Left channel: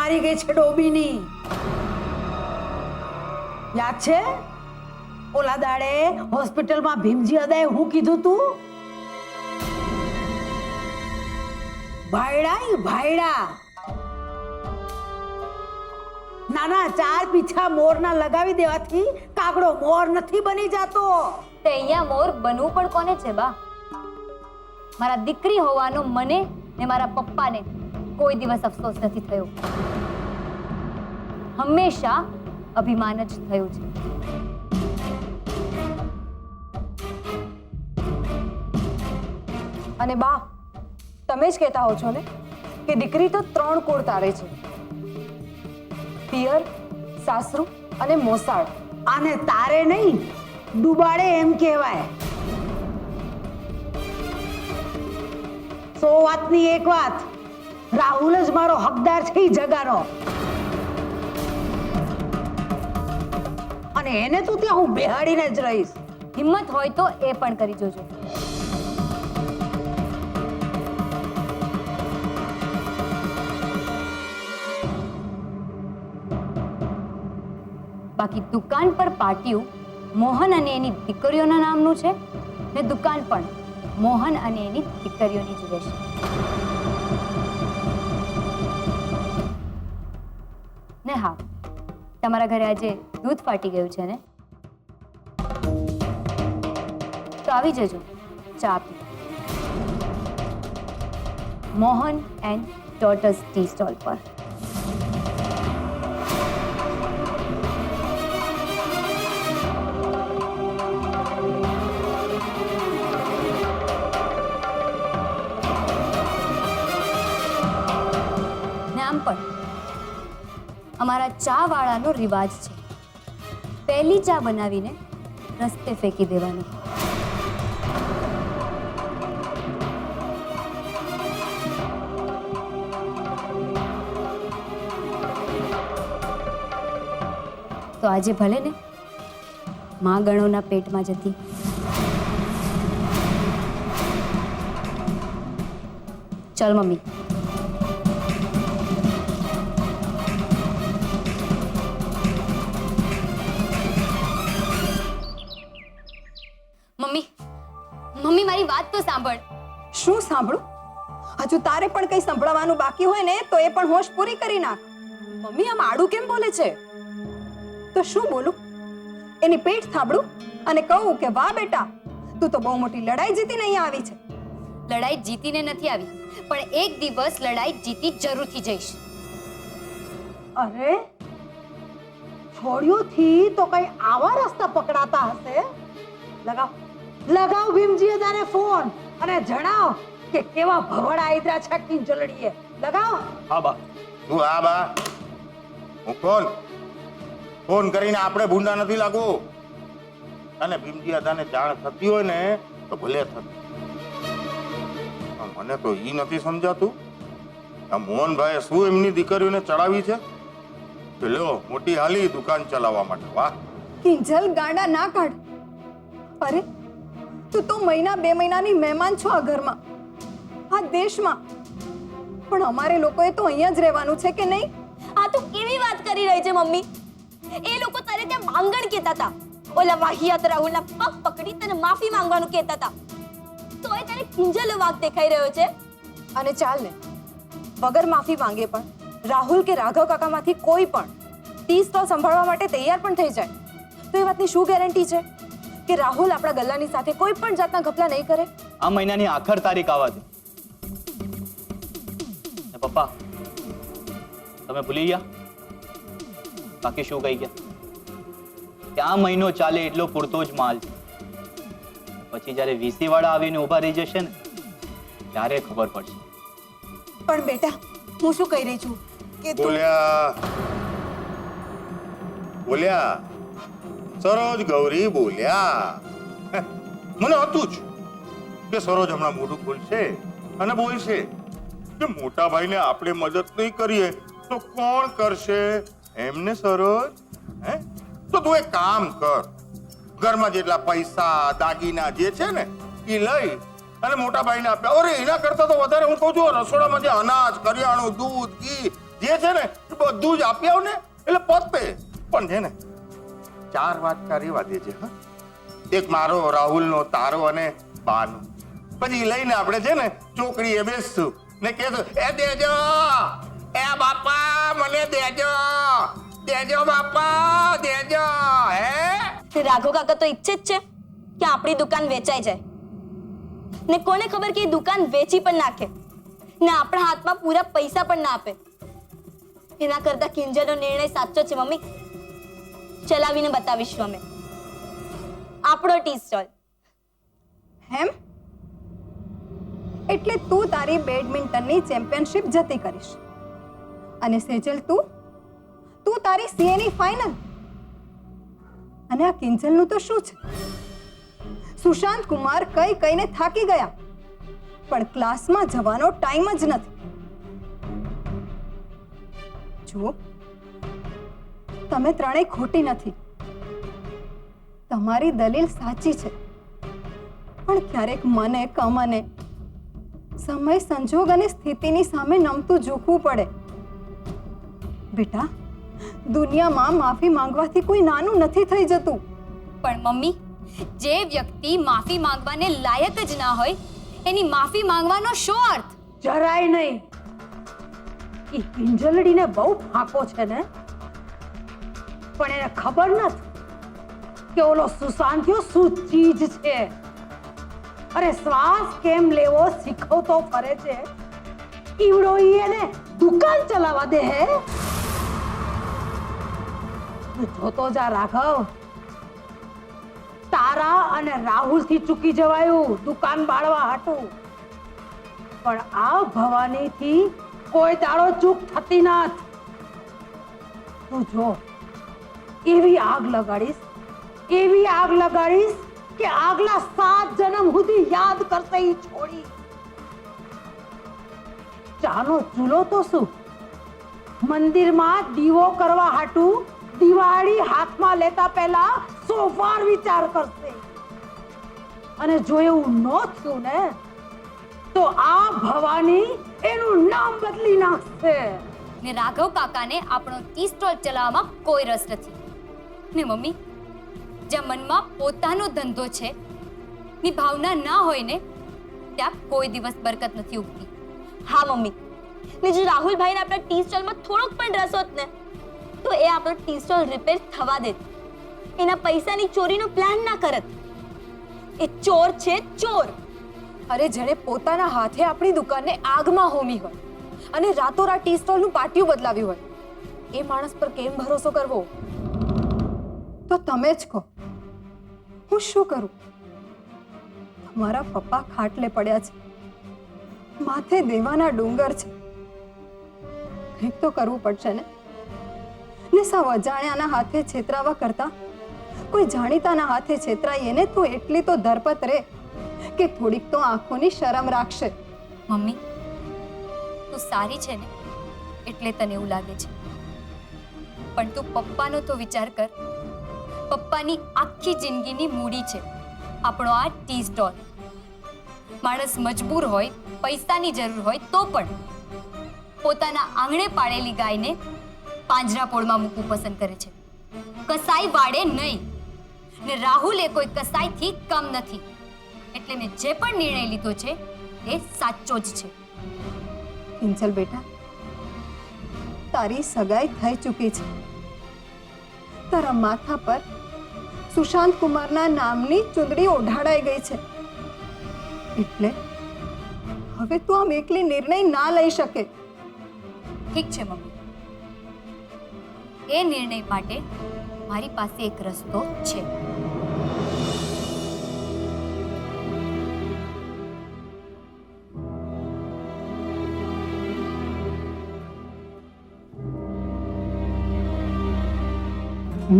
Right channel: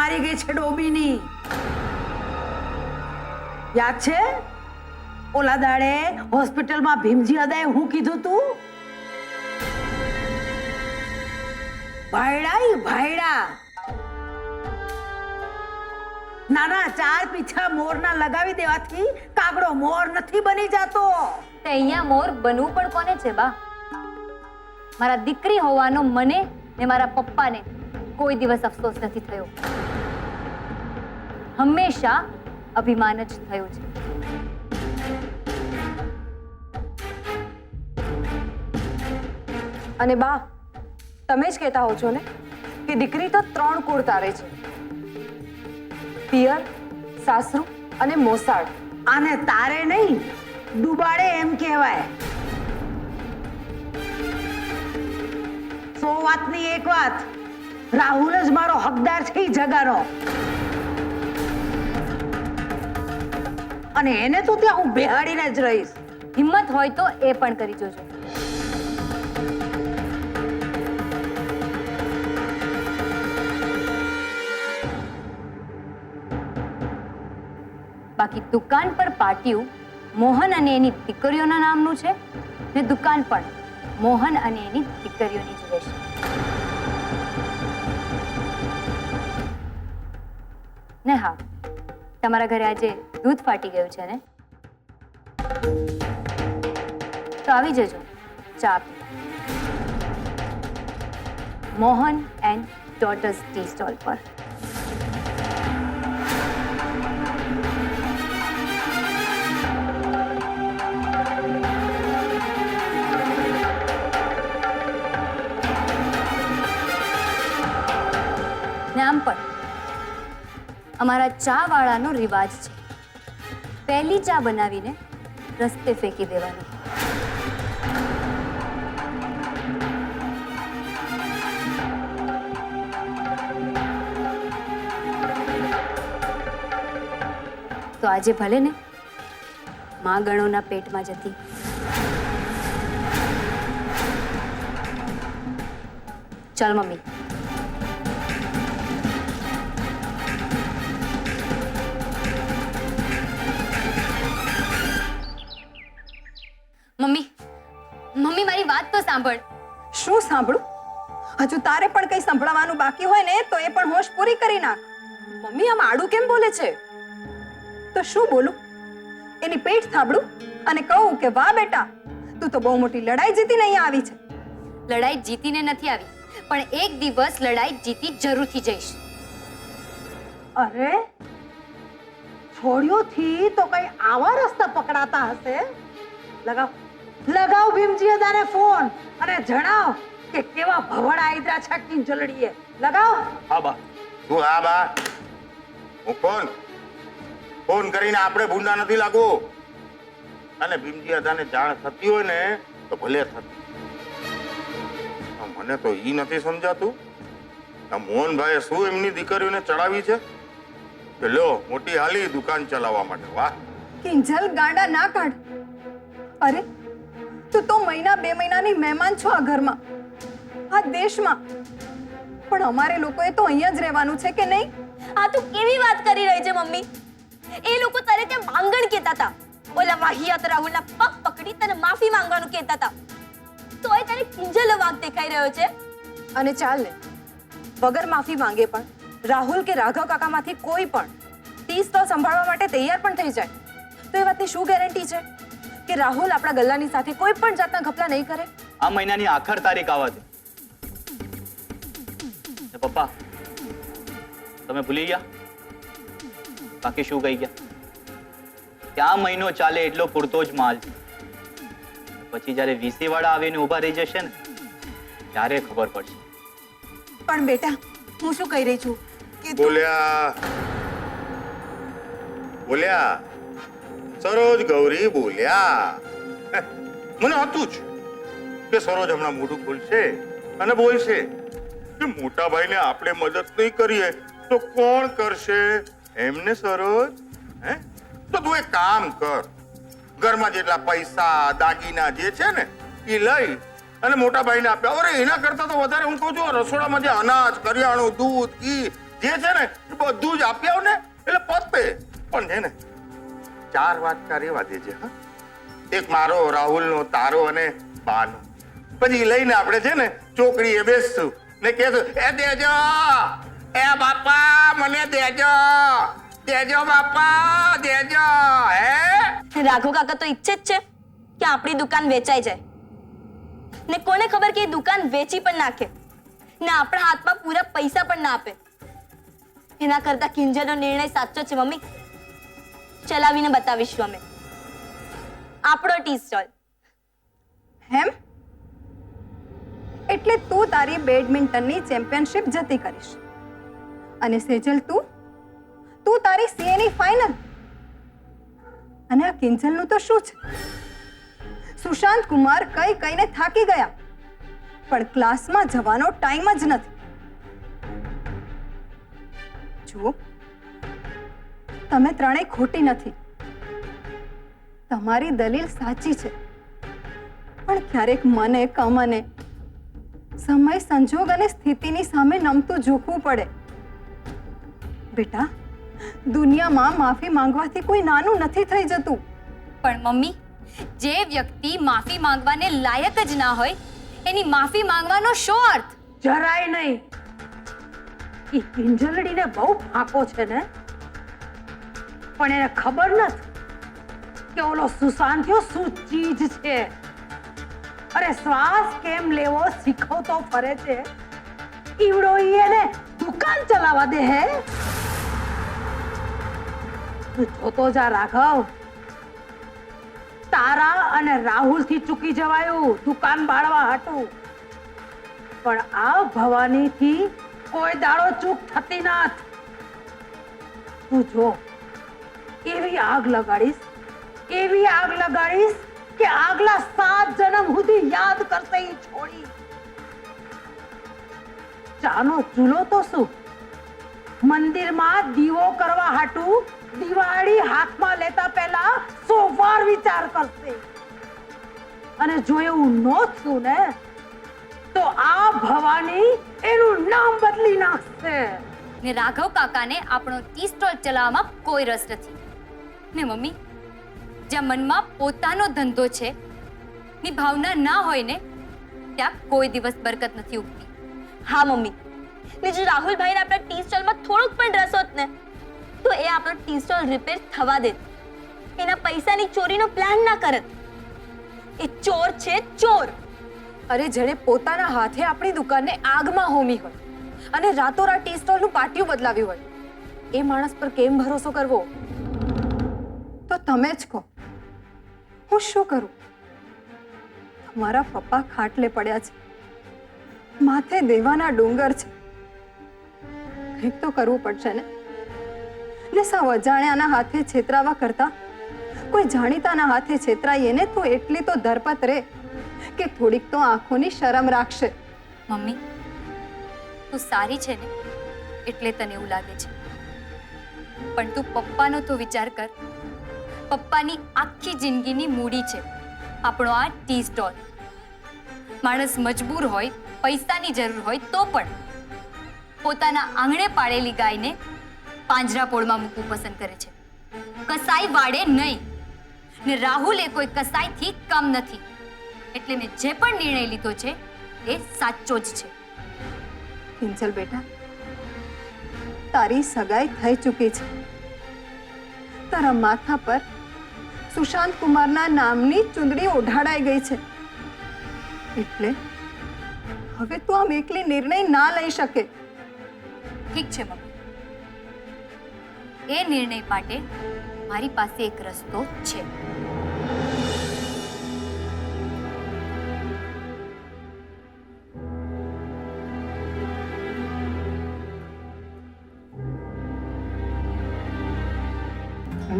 મારી ગઈ છે ડોબીની. યાદ છે ઓલા દાડે હોસ્પિટલમાં ભીમજી અદાએ હું કીધું તું? ભાયડા ભાયડા, નાના ચાર પીછા મોરના લગાવી દેવાથી કાગડો મોર નથી બની જાતો. તે અહીંયા મોર બનવું પણ કોને છે બા? મારા દીકરી હોવાનો મને ને મારા પપ્પાને કોઈ દિવસ અફસોસ નથી થયો. હંમેશા અભિમાન જ થયું છે. અને બા, તમે જ કહેતા હો છો ને કે દીકરી તો 3 કુળ તારે છે, પિયર, સાસરું અને મોસાળ. આને તારે નહીં ડુબાડે એમ કહેવાય. 100 વાતની એક વાત, રાહુલ જ મારો હકદાર છે ઈ જગાનો. અને એને તો ત્યાં હું બેહાડીને જ રહીશ. હિંમત હોય તો એ પણ કરી જોજો. બાકી દુકાન પર પાટિયું મોહન અને એની દીકરીઓના નામનું છે ને દુકાન પણ મોહન અને એની દીકરીઓની જ રહેશે. ને હા, તમારા ઘરે આજે દૂધ ફાટી ગયું છે ને, તો આવી જજો ચા પી. Mohan and daughters tea stall પર. આમ પણ અમારા ચા વાળાનો રિવાજ છે, પહેલી ચા બનાવીને રસ્તે ફેંકી દેવાનો. તો આજે ભલે ને માં ગણોના પેટમાં જતી. ચાલ મમ્મી. મમ્મી, મમ્મી મારી વાત તો સાંભળ. શું સાંભળું? હજુ તારે પણ કંઈ સંભળાવવાનું બાકી હોય ને તો એ પણ હોશ પૂરી કરી નાખ. મમ્મી આમ આડું કેમ બોલે છે? તો શું બોલું? એની પેટ થાબડું અને કહું કે વાહ બેટા, તું તો બહુ મોટી લડાઈ જીતીને અહીંયા આવી છે. લડાઈ જીતીને નથી આવી, પણ એક દિવસ લડાઈ જીતી જરૂરથી જઈશ. અરે છોડ્યોથી તો કઈ આવા રસ્તા પકડાતા હશે. લગાવ લગાવ ભીમજી અદાને ફોન અને જણાવ કે કેવા ભવડા આયદ્રા છે કિંજલડીએ. લગાવ. હા બા. તું હા બા, હું ફોન કરીને આપણે ભૂંડા નથી લાગવું. અને ભીમજી અદાને જાણ થતી હોય ને તો ભલે થતી. મને તો ઈ નથી સમજાતું આ મોહનભાઈએ શું એમની દીકરીઓને ચડાવી છે કે લ્યો મોટી હાલી દુકાન ચલાવવા માટે. વાહ કિંજલ, ગાંડા ના કાઢ. અરે તું તો મહિના 2 મહિનાની મહેમાન છો આ ઘરમાં, આ દેશમાં, પણ અમારે લોકોએ તો અહીંયા જ રહેવાનું છે કે નહીં? આ તું કેવી વાત કરી રહી છે મમ્મી? એ લોકો તારે ત્યાં માંગણ કહેતા હતા. ઓલા વાહિયાત રાહુલના પગ પકડી તને માફી માંગવાનું કહેતા હતા. તોય તને કિંજલનો વાંક દેખાઈ રહ્યો છે. અને ચાલ ને, વગર માફી માંગે પણ રાહુલ કે રાઘવ કાકામાંથી કોઈ પણ ટી સ્ટોલ સંભાળવા માટે તૈયાર પણ થઈ જાય તો એ વાતની શું ગેરંટી છે કે રાહુલ આપણા ગલ્લાની સાથે કોઈ પણ જાતના ઘપલા નહીં કરે? આ મહિનાની આખર તારીખ આવવા દે. પપ્પા તમે ભૂલી ગયા? બાકી શું કહી ગયા? ત્યાં મહિનો ચાલે એટલો પૂરતો જ માલ છે. પછી જ્યારે વીસી વાળા આવીને ઉભા રહી જશે ને ત્યારે ખબર પડશે. પણ બેટા, હું શું કહી રહી છું કે બોલ્યા સરોજ ગૌરી બોલ્યા. મને હતું જ કે સરોજ હમણાં મોઢું ખોલશે અને બોલશે કે મોટા ભાઈને આપણે મદદ નહીં કરીએ તો કોણ કરશે એમને. સરોજ હે તો તું એક કામ કર, ઘરમાં જેટલા પૈસા દાગીના જે છે ને એ લઈ અને મોટા ભાઈને આપ્યા. અરે એના કરતા તો વધારે હું કહું છું રસોડામાં જે અનાજ કરિયાણું દૂધ ઘી જે છે ને એ બધું જ આપી આવ ને એટલે પતે. પણ છે ને 4 વાટકા રેવા દેજે. હા, એક મારો, રાહુલનો, તારો અને બાનો. પછી લઈને આપણે છે ને ચોકડીએ બેસશું ને કહેશું, એ દેજો, એ બાપા મને દેજો, દેજો બાપા દેજો. હે રાઘવ કાકા તો ઈચ્છે જ છે કે આપણી દુકાન વેચાઈ જાય, ને કોને ખબર કે એ દુકાન વેચી પણ નાખે ને આપણા હાથમાં પૂરા પૈસા પણ ના આપે. એના કરતા કિંજલનો નિર્ણય સાચો છે મમ્મી. ચલાવીને બતાવીશું અમે આપણો ટી સ્ટોલ. હેમ? એટલે તું તારી બેડમિન્ટનની ચેમ્પિયનશિપ જતી કરીશ અને સેજલ તું તારી સીએની ફાઇનલ. અને આ કિંજલનું તો શું છે? સુશાંત કુમાર કઈને થાકી ગયા, પણ ક્લાસમાં જવાનો ટાઈમ જ નથી. જુઓ, તમે ત્રણેય ખોટી નથી. તમારી દલીલ સાચી છે, પણ ક્યારેક મને કમને સમય, સંજોગ અને સ્થિતિની સામે નમતું ઝૂકવું પડે. બેટા, દુનિયામાં માફી માંગવાથી કોઈ નાનું નથી થઈ જતું. પણ મમ્મી, જે વ્યક્તિ માફી માંગવાને લાયક જ ના હોય એની માફી માંગવાનો શું અર્થ? જરાય નહીં. ઈ કિંજલડીને બહુ ફાંકો છે ને, પણ એને ખબર નથી કે ઓલો સુશાંતિયો શું ચીજ છે. અરે શ્વાસ કેમ લેવો શીખવતો ફરે છે, ઈવડો ઈ એને દુકાન ચલાવવા દે હે. તું જોતો જા રાઘવ, તારા અને રાહુલ થી ચૂકી જવાયું દુકાન બાળવા હાટું, પણ આ ભવાની થી કોઈ દાડો ચૂક થતી નથી. તું જો, એવી આગ લગાડીશ, એવી આગ લગાડીશ કે આગલા 7 જન્મ સુધી યાદ કરશે ઈ છોડી. ચાનો ચૂલો તો શું, મંદિરમાં દીવો કરવા હાટું દિવાળી હાથમાં લેતા પહેલા 100 વાર વિચાર કરશે. અને જો એવું ન થયું ને તો આ ભવાની એનું નામ બદલી નાખશે. ને રાઘવ કાકાને આપણો ટી સ્ટોલ ચલાવવામાં કોઈ રસ નથી. ને મમ્મી, જ્યાં મનમાં પોતાનો ધંધો છે ની ભાવના ના હોય ને ત્યાં કોઈ દિવસ બરકત નથી ઉગતી. હા મમ્મી, ને જો રાહુલભાઈને આપણા ટી સ્ટોલમાં થોડોક પણ રસ હોત ને તો એ આપણો ટી સ્ટોલ રિપેર થવા દેત. એના પૈસાની ચોરીનો પ્લાન ના કરત. એ ચોર છે, ચોર. અરે, જેણે પોતાના હાથે આપણી દુકાનને આગમાં હોમી હોય અને રાતોરાત ટી સ્ટોલનું પાટિયું બદલાવ્યું હોય, એ માણસ પર કેમ ભરોસો કરવો? તો તમે જ કહો, હું શું કરું? તમારા પપ્પા ખાટલે પડ્યા છે, માથે દેવાના ડુંગર છે. કંઈક તો કરવું પડશે ને સાવ અજાણ્યાના હાથે છેતરાવા કરતા કોઈ જાણીતાના હાથે છેતરાઈએ ને તો એટલી તો ધરપત રે કે થોડીક તો આંખોની શરમ રાખશે. મમ્મી, તું સારી છે ને એટલે તને એવું લાગે છે, પણ તું પપ્પાનો તો વિચાર કર. પપ્પાની આખી જિંદગીની મૂડી છે આપણો આ ટી સ્ટોલ. માણસ મજબૂર હોય, પૈસાની જરૂર હોય તો પણ પોતાના આંગણે પાળેલી ગાયને પાંજરાપોળમાં મૂકવું પસંદ કરે છે, કસાઈ વાળે નહીં. ને રાહુલ એ કોઈ કસાઈથી કમ નથી, એટલે મેં જે પણ નિર્ણય લીધો છે એ સાચો જ છે. કિંજલ બેટા, તારી સગાઈ થઈ ચૂકી છે. તારા માથા પર સુશાંત કુમારના નામની ચુંદડી ઓઢાડાઈ ગઈ છે, એટલે હવે તું આમ એકલી નિર્ણય ના લઈ શકે. ઠીક છે મમ્મી, એ નિર્ણય માટે મારી પાસે એક રસ્તો છે.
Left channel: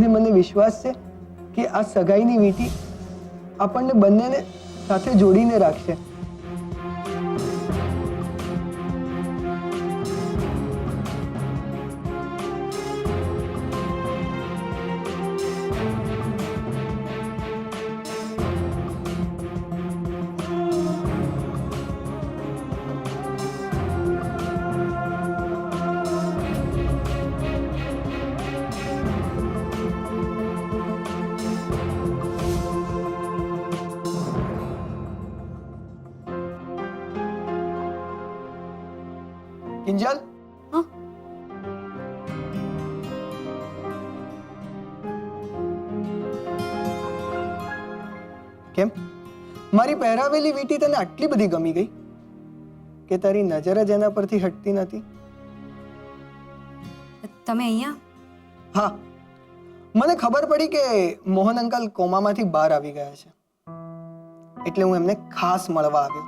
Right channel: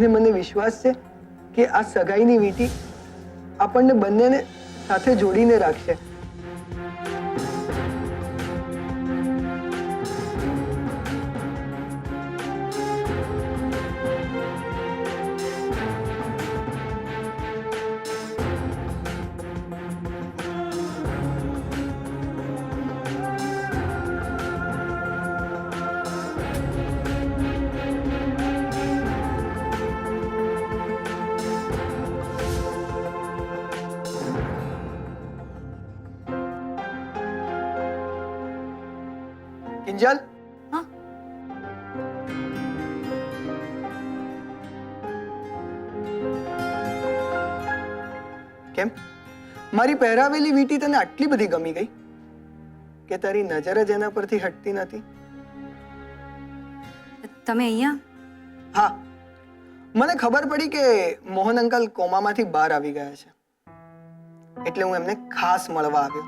ને મને વિશ્વાસ છે કે આ સગાઈની વીંટી આપણને બંનેને સાથે જોડીને રાખશે. કિંજલ, હા કેમ મારી પહેરાવેલી વીંટી તને આટલી બધી ગમી ગઈ કે તારી નજર જ એના પરથી હટતી નથી? તમે અહીંયા? હા, મને ખબર પડી કે મોહન અંકલ કોમામાંથી બહાર આવી ગયા છે, એટલે હું એમને ખાસ મળવા આવ્યો,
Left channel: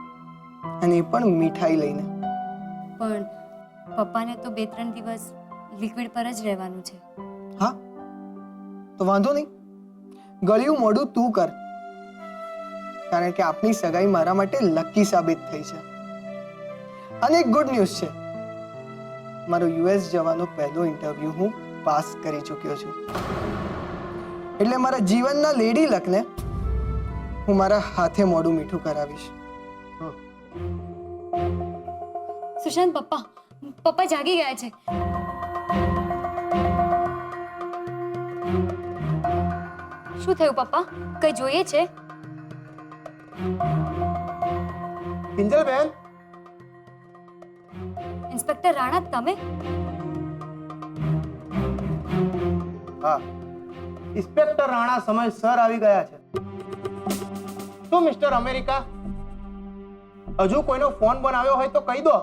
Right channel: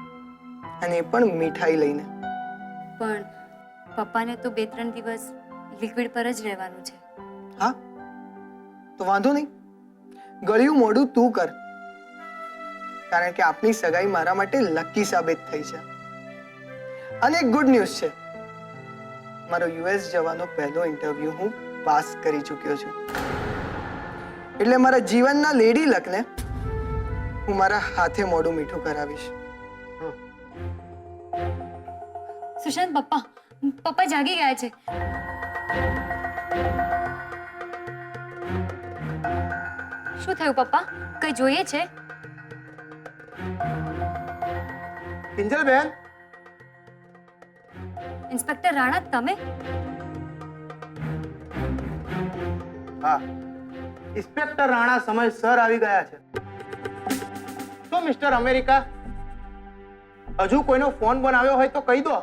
અને એ પણ મીઠાઈ લઈને. પણ પપ્પાને તો 2-3 દિવસ લિક્વિડ પર જ રહેવાનું છે. હા, તો વાંધો નહીં, ગળ્યું મોઢું તું કર, કારણ કે આપની સગાઈ મારા માટે લકી સાબિત થઈ છે. અને એક ગુડ ન્યૂઝ છે, મારો યુએસ જવાનો પહેલો ઇન્ટરવ્યુ હું પાસ કરી ચૂક્યો છું, એટલે મારા જીવનના લેડી લકને હું મારા હાથે મોઢું મીઠું કરાવીશ. સુશાંત, પપ્પા જાગી ગયા છે. શું થયું પપ્પા? કઈ જોઈએ છે? કિંજલ બેન, ઇન્સ્પેક્ટર રાણા, તમે? હા, ઇન્સ્પેક્ટર રાણા સમયસર આવી ગયા છે. શું મિસ્ટર અમેરિકા, હજુ કોઈનો ફોન બનાવ્યો હોય તો કહી દો.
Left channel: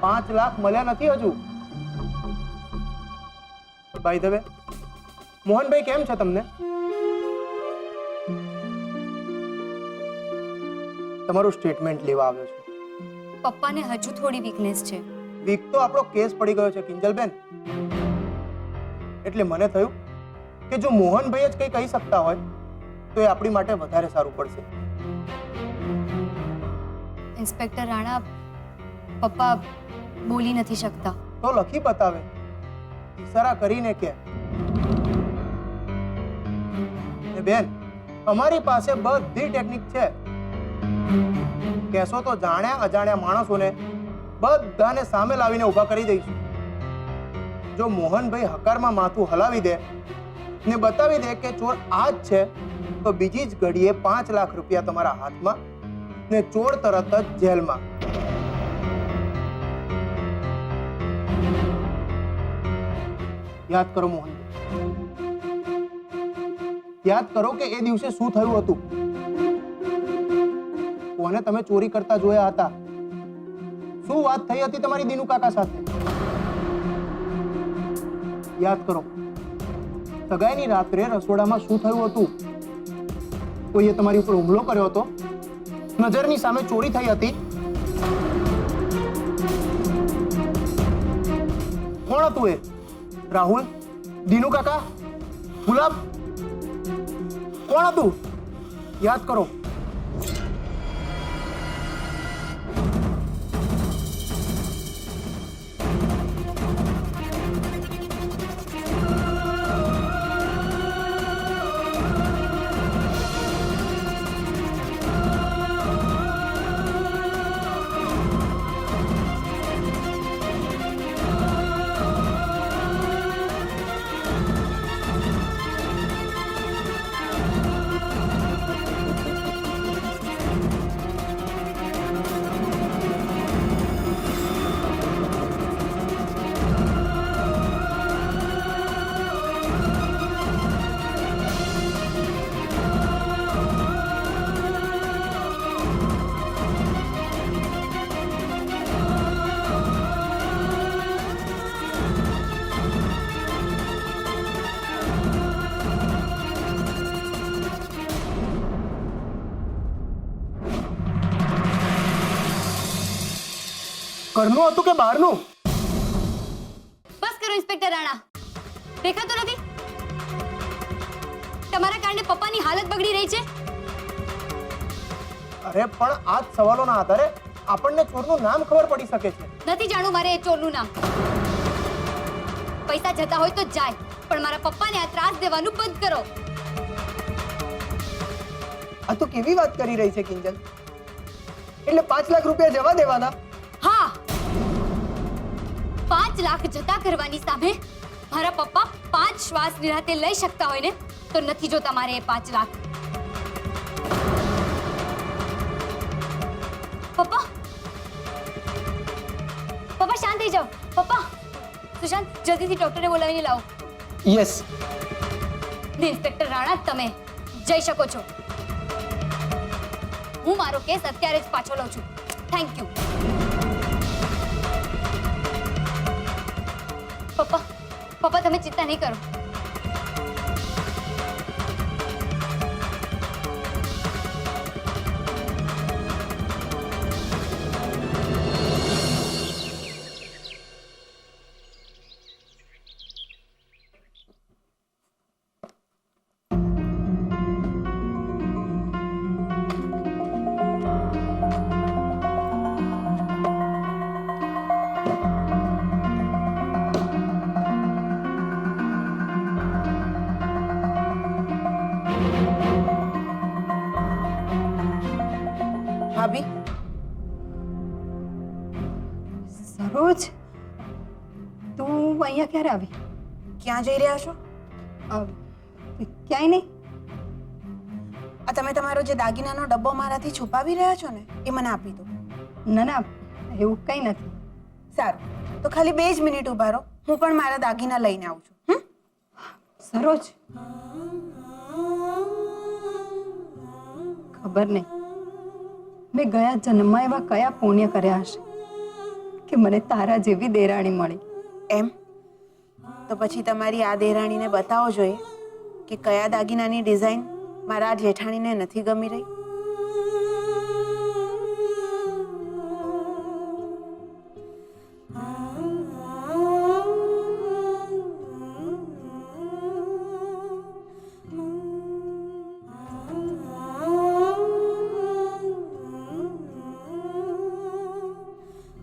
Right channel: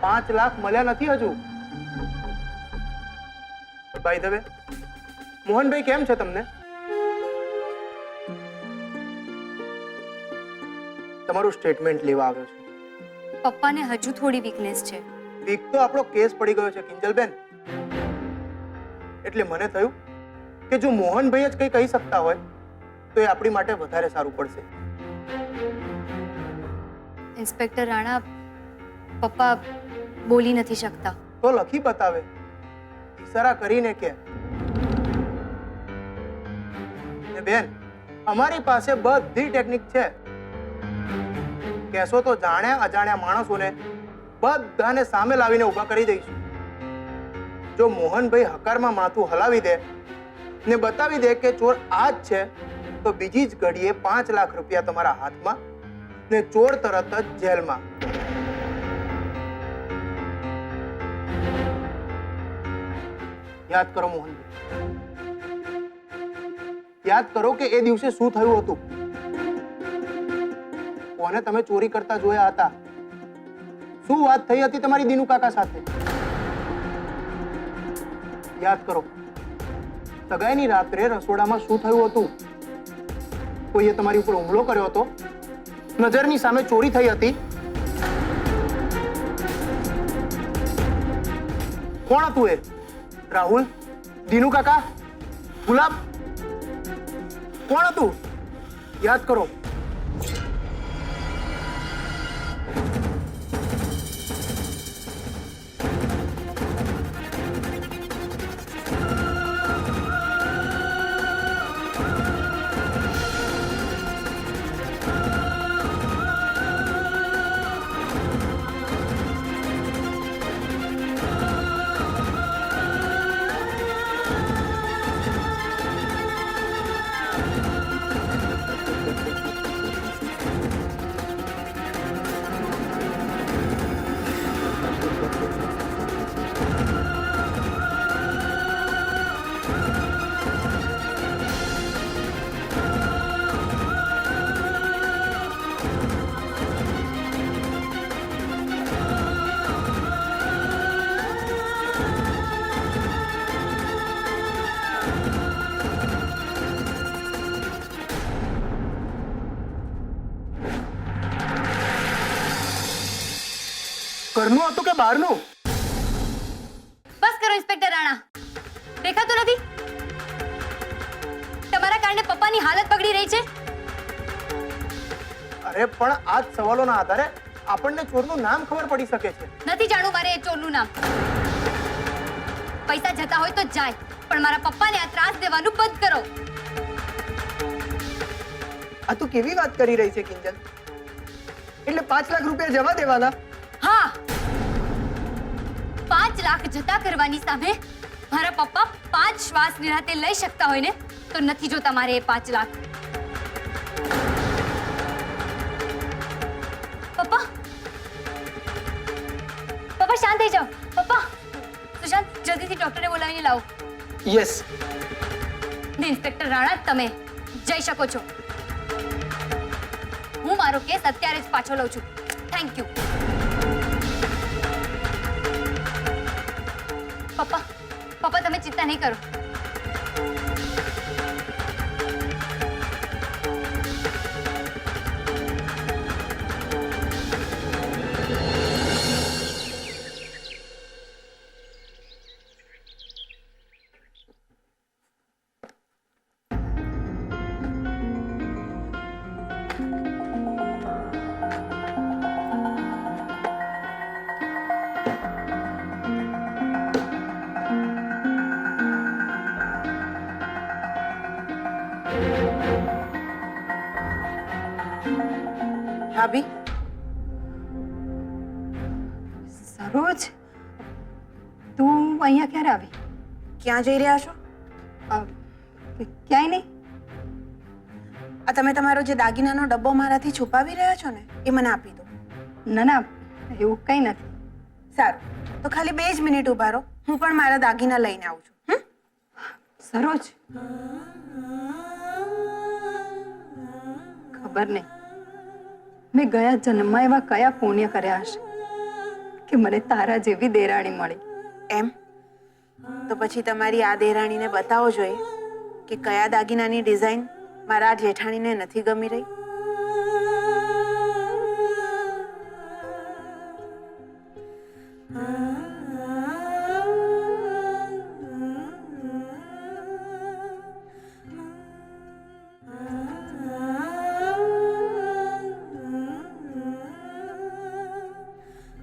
5 લાખ મળ્યા નથી હજુ. બાય ધ વે, મોહનભાઈ કેમ છે તમને? તમારું સ્ટેટમેન્ટ લેવા આવ્યો છું. પપ્પાને હજુ થોડી વીકનેસ છે. વીક તો આપણો કેસ પડી ગયો છે કિંજલબેન, એટલે મને થયું કે જો મોહનભાઈ જ કંઈ કહી શકતા હોય તો એ આપણી માટે વધારે સારું પડશે. ઇન્સ્પેક્ટર રાણા, પપ્પા બોલી નથી શકતા. તો લખી બતાવે, ઈશારા કરીને કે. ને બેન, અમારી પાસે બધી ટેકનિક છે. કહેશો તો જાણ્યા અજાણ્યા માણસોને બધાને સામે લાવીને ઊભા કરી દઈશું. જો મોહનભાઈ હકારમાં માથું હલાવી દે ને બતાવી દે કે ચોર આ જ છે, તો બીજી જ ઘડીએ 5 લાખ રૂપિયા તમારા હાથમાં ને ચોર તરત જ જેલમાં. યાદ કરો મોહનભાઈ, યાદ કરો કે એ દિવસે શું થયું હતું, કોને તમે ચોરી કરતા જોયા હતા, શું વાત થઈ હતી તમારી દીનુ કાકા સાથે. યાદ કરો, સગાઈની રાત્રે રસોડામાં શું થયું હતું, કોઈએ તમારી ઉપર હુમલો કર્યો હતો, નજરની સામે ચોરી થઈ હતી. કોણ હતું એ? રાહુલ, દીનુ કાકા, ગુલાબ, કોણ હતું? યાદ કરો. ઘરનું હતું કે બહારનું? બસ કરો ઇન્સ્પેક્ટર રાણા, દેખાતું નથી? તમારા કારણે પપ્પાની હાલત બગડી રહી છે. અરે પણ આ જ સવાલોના આધારે આપણને ચોરનું નામ ખબર પડી શકે છે. નથી જાણવું મારે એ ચોરનું નામ. પૈસા જતા હોય તો જાય, પણ મારા પપ્પાને આ ત્રાસ દેવાનું બંધ કરો. આ તું કેવી વાત કરી રહી છે કિંજલ? એટલે 5 લાખ રૂપિયા જવા દેવાના? હા, 5 લાખ જતા કરવાની સામે મારા પપ્પા 5 શ્વાસ નિરાતે લઈ શકતા હોય ને, તો નથી જોતા મારે એ 5 લાખ. પપ્પા, પપ્પા શાંત થઈ જાઓ. પપ્પા, સુશાંત જલ્દીથી ડોક્ટરને બોલાવીને લાવો. યસ. ઇન્સ્પેક્ટર રાણા, તમે જઈ શકો છો. હું મારો કેસ અત્યારે જ પાછો લઉં છું. Thank you. પપ્પા, પપ્પા તમે ચિંતા નહીં કરો. ભાભી, સરોજ, તું અહીંયા ક્યારે આવી? ક્યાં જઈ રહ્યા છો? ક્યાંય નહીં. આ તમે તમારો જે દાગીનાનો ડબ્બો મારાથી છુપાવી રહ્યા છો ને એ મને આપી દો. ના ના, એવું કંઈ નથી. સારું, તો ખાલી 2 જ મિનિટ ઊભા રહો, હું પણ મારા દાગીના લઈને આવું છું. સરોજ, ખબર નહીં મેં ગયા જન્મમાં એવા કયા પુણ્ય કર્યા હશે કે મને તારા જેવી દેરાણી મળી. એમ તો પછી તમારી આ દેરાણીને બતાવો જોઈએ કે કયા દાગીનાની ડિઝાઇન મારા આ જેઠાણીને નથી ગમી રહી.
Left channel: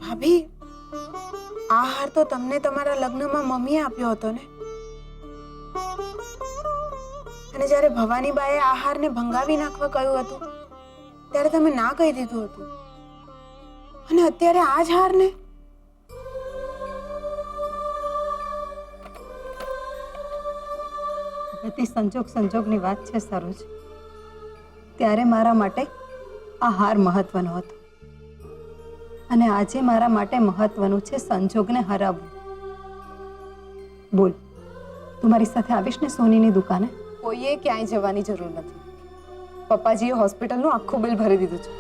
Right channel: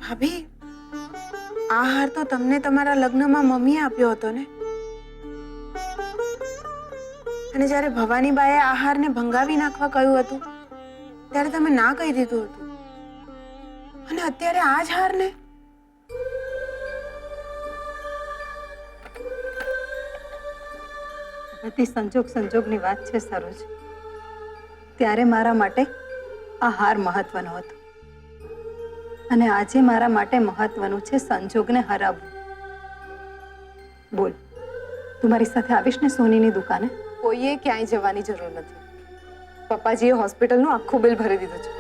ભાભી, આ હાર તો તમને તમારા લગ્નમાં મમ્મીએ આપ્યો હતો ને? અને જ્યારે ભવાનીબાએ આ હારને ભંગાવી નાખવા કહ્યું હતું ત્યારે તમે ના કહી દીધું હતું, અને અત્યારે આ જ હારને? બધી સંજોગની વાત છે સરોજ. ત્યારે મારા માટે આ હાર મહત્વનો હતો અને આજે મારા માટે મહત્વનું છે સંજોગને હરાવવું. બોલ, તું મારી સાથે આવીશ ને સોનીની દુકાને? કોઈએ ક્યાંય જવાની જરૂર નથી. પપ્પાજીએ હોસ્પિટલનું આખું બિલ ભરી દીધું છે.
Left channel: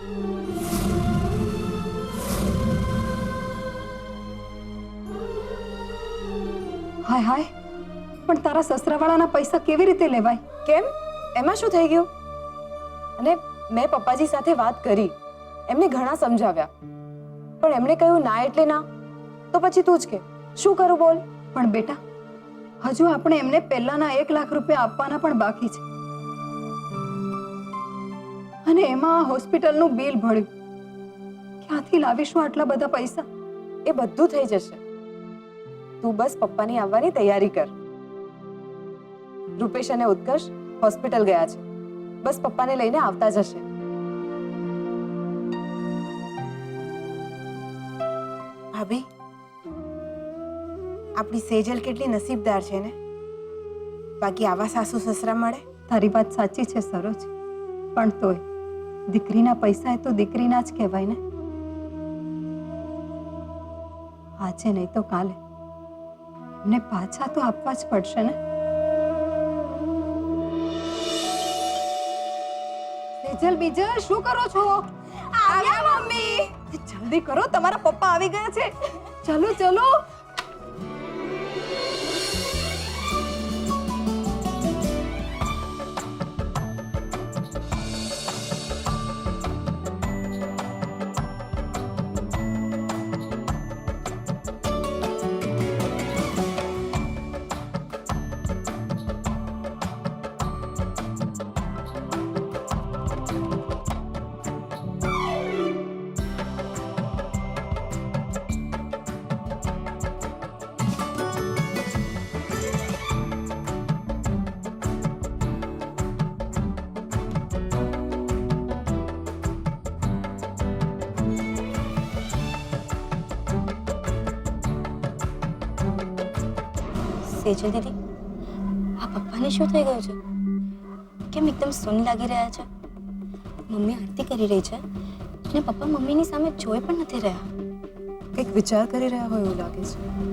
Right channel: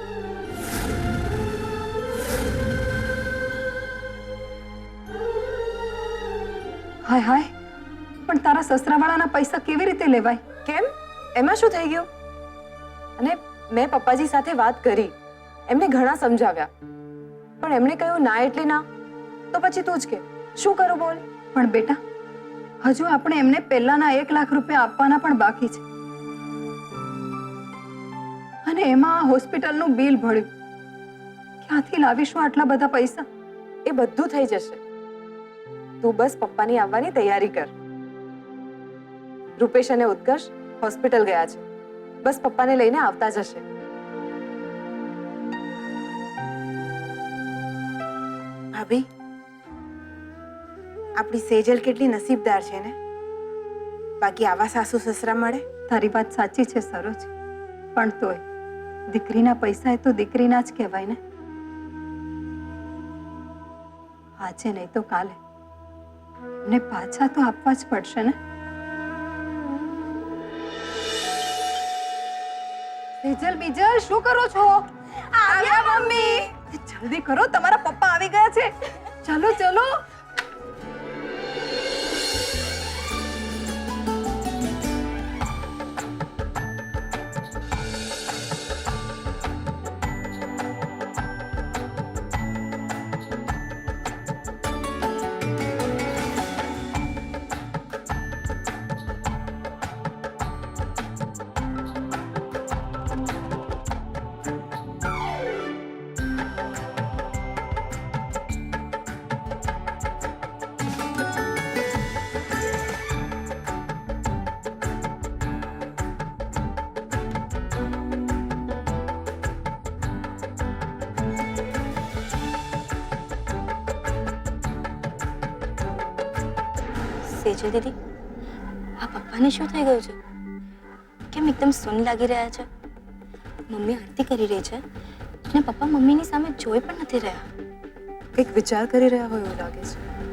હાય હાય, પણ તારા સસરાવાળાના પૈસા કેવી રીતે લેવાય? કેમ? એમાં શું થઈ ગયું? અને મેં પપ્પાજી સાથે વાત કરી, એમને ઘણા સમજાવ્યા, પણ એમણે કહ્યું ના એટલે ના. તો પછી તું જ કે શું કરું બોલ? પણ બેટા, હજુ આપણે એમને પહેલાના 1 લાખ રૂપિયા આપવાના પણ બાકી છે, અને એમાં આ હોસ્પિટલનું બિલ ભર્યું. ક્યાંથી લાવીશું આટલા બધા પૈસા? એ બધું થઈ જશે. તું બસ પપ્પાની આવવાની તૈયારી કર. રૂપેશ અને ઉત્કર્ષ હોસ્પિટલ ગયા છે, બસ પપ્પાને લઈને આવતા જશે. ભાભી, આપણી સેજલ કેટલી નસીબદાર છે ને, બાકી આવા સાસુ સસરા મળે. તારી વાત સાચી છે સરોજ, પણ તોય દીકરીના પૈસા એ તો દીકરીના જ કહેવાય ને. આજે નહીં તો કાલે એમને પાછા તો આપવા જ પડશે ને. સેજલ, બીજલ, શું કરો છો? આવ્યા મમ્મી. જલ્દી કરો, તમારા પપ્પા આવી ગયા છે. ચલો ચલો. સેજલ દીદી, આ પપ્પાને શું થઈ ગયું છે? કેમ એકદમ સૂન લાગી રહ્યા છે? મમ્મી આરતી કરી રહી છે અને પપ્પા મમ્મીની સામે જોઈ પણ નથી રહ્યા. કંઈક વિચાર કરી રહ્યા હોય એવું લાગે છે.